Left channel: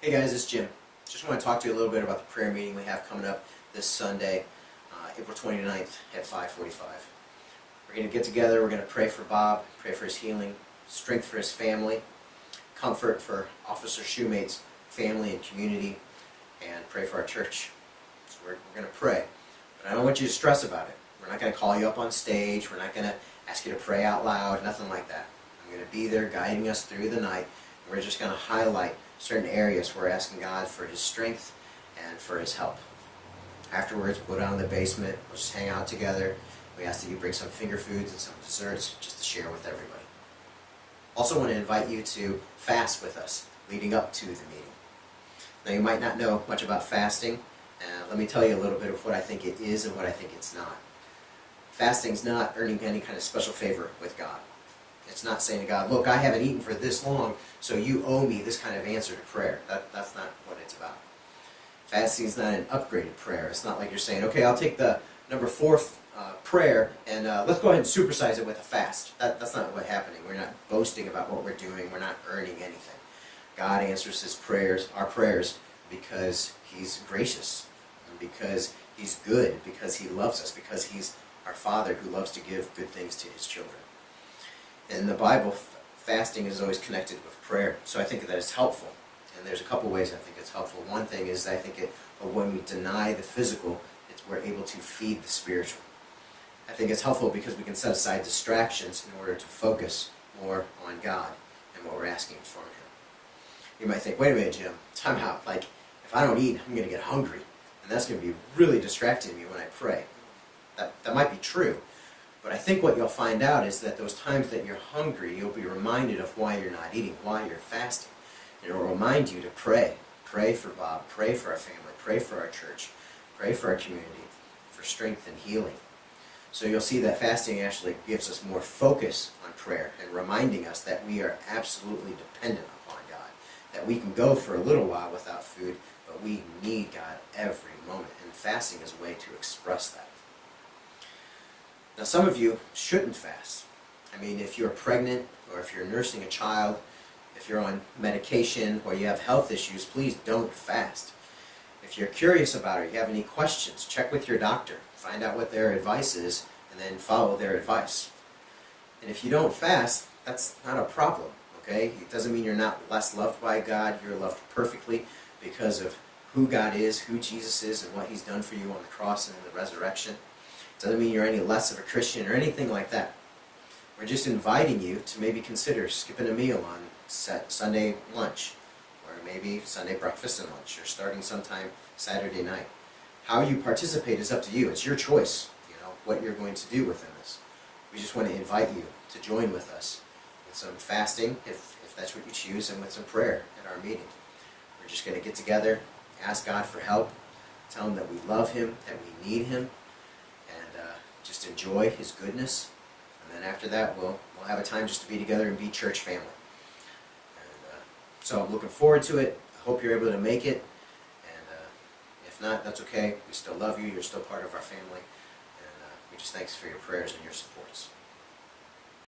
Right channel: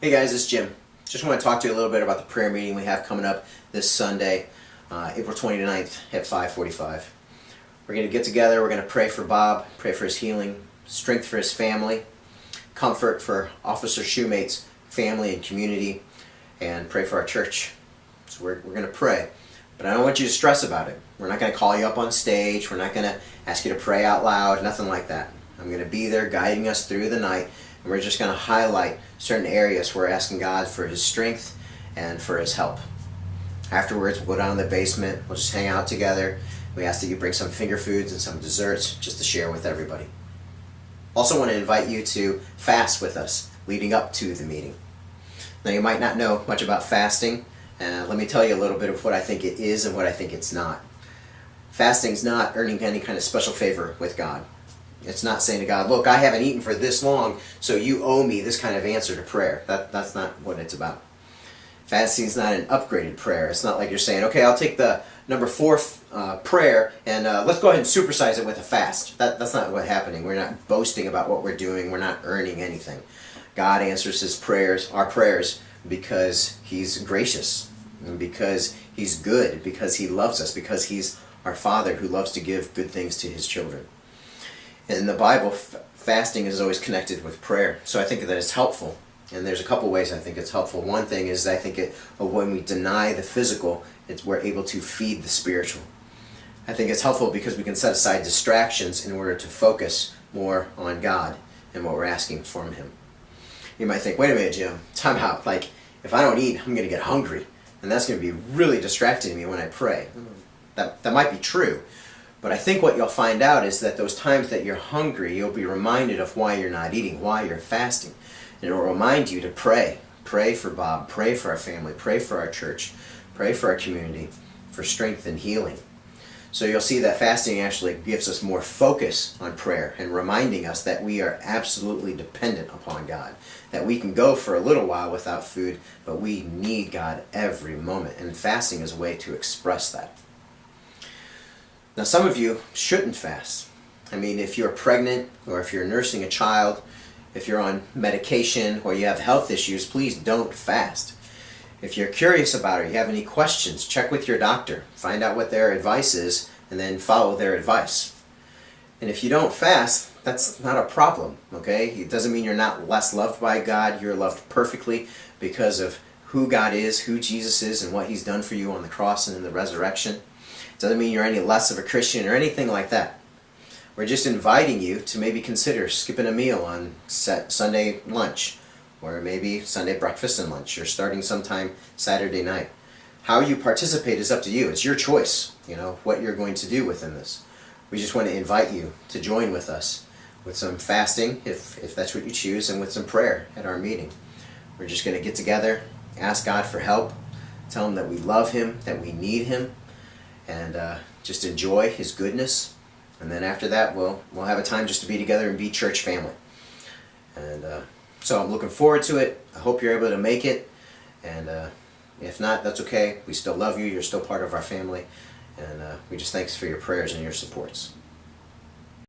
Hey guys, it's Jim. Just want to talk to you a little bit about the prayer meeting we have coming up this Sunday, April 29th at 5:45. We're going to get together, we're going to pray for Bob, pray for his healing, strength for his family, comfort for Officer Shoemate's family and community, and pray for our church. So we're going to pray. But I don't want you to stress about it. We're not going to call you up on stage, we're not going to ask you to pray out loud, nothing like that. I'm going to be there guiding us through the night, and we're just going to highlight certain areas where we're asking God for His strength and for His help. Afterwards, we'll go down in the basement, we'll just hang out together. We ask that you bring some finger foods and some desserts just to share with everybody. Also want to invite you to fast with us leading up to the meeting. Now you might not know much about fasting. Let me tell you a little bit of what I think it is and what I think it's not. Fasting's not earning any kind of special favor with God. It's not saying to God, look, I haven't eaten for this long, so you owe me this kind of answer to prayer. That's not what it's about. Fasting is not an upgraded prayer. It's not like you're saying, okay, I'll take the number 4 prayer and let's go ahead and supersize it with a fast. That's not what's happening. We're not boasting about what we're doing. We're not earning anything. God answers His prayers, our prayers, because He's gracious, and because He's good, because He loves us, because He's our Father who loves to give good things to His children. In the Bible, fasting is always connected with prayer, so I think that it's helpful. And there's a couple ways I think it's helpful. One thing is I think when we deny the physical, we're able to feed the spiritual. I think it's helpful because we can set aside distractions in order to focus more on God and what we're asking from Him. You might think, wait a minute, Jim, time out. Like, if I don't eat, I'm going to get hungry. And that's going to be really distracting me when I pray. That might be true. But I think what you'll find out is that those times that you're hungry, you'll be reminded of why you're not eating, why you're fasting. And it will remind you to pray. Pray for Bob, pray for our family, pray for our church, pray for our community, for strength and healing. So you'll see that fasting actually gives us more focus on prayer and reminding us that we are absolutely dependent upon God. That we can go for a little while without food, but we need God every moment. And fasting is a way to express that. Now some of you shouldn't fast. I mean, if you're pregnant or if you're nursing a child, if you're on medication or you have health issues, please don't fast. If you're curious about it, you have any questions, check with your doctor. Find out what their advice is and then follow their advice. And if you don't fast, that's not a problem, okay? It doesn't mean you're not less loved by God. You're loved perfectly because of who God is, who Jesus is, and what He's done for you on the cross and in the resurrection. It doesn't mean you're any less of a Christian or anything like that. We're just inviting you to maybe consider skipping a meal on Sunday lunch, or maybe Sunday breakfast and lunch, or starting sometime Saturday night. How you participate is up to you. It's your choice, what you're going to do within this. We just want to invite you to join with us with some fasting, if that's what you choose, and with some prayer at our meeting. We're just going to get together, ask God for help, tell Him that we love Him, that we need Him, and just enjoy His goodness. And then after that, we'll have a time just to be together and be church family. And so I'm looking forward to it. I hope you're able to make it. And if not, that's okay. We still love you. You're still part of our family. And we just thanks for your prayers and your supports.